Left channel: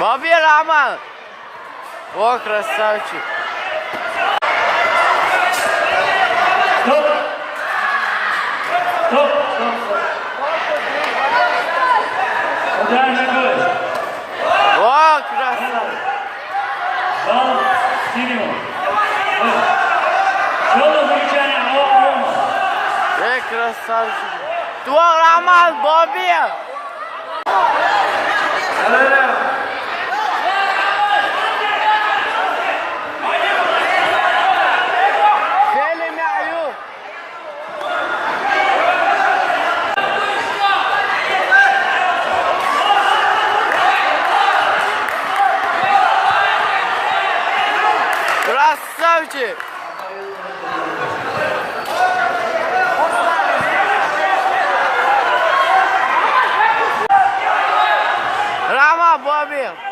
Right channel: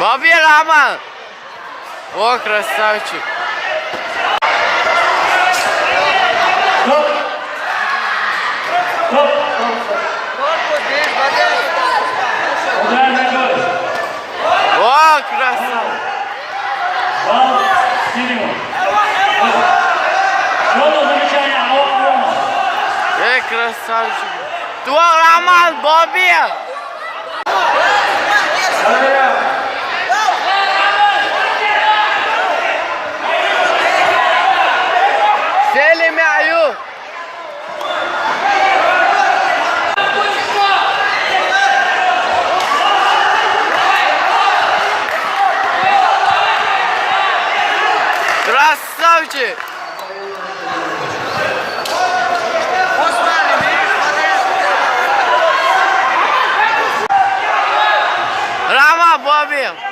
Бобби, Рама! О, красавчик! О, красавчик! Красавчик! Твой Роман, Бобби! Selim Ayub! Красавчик! Rama, Bobby!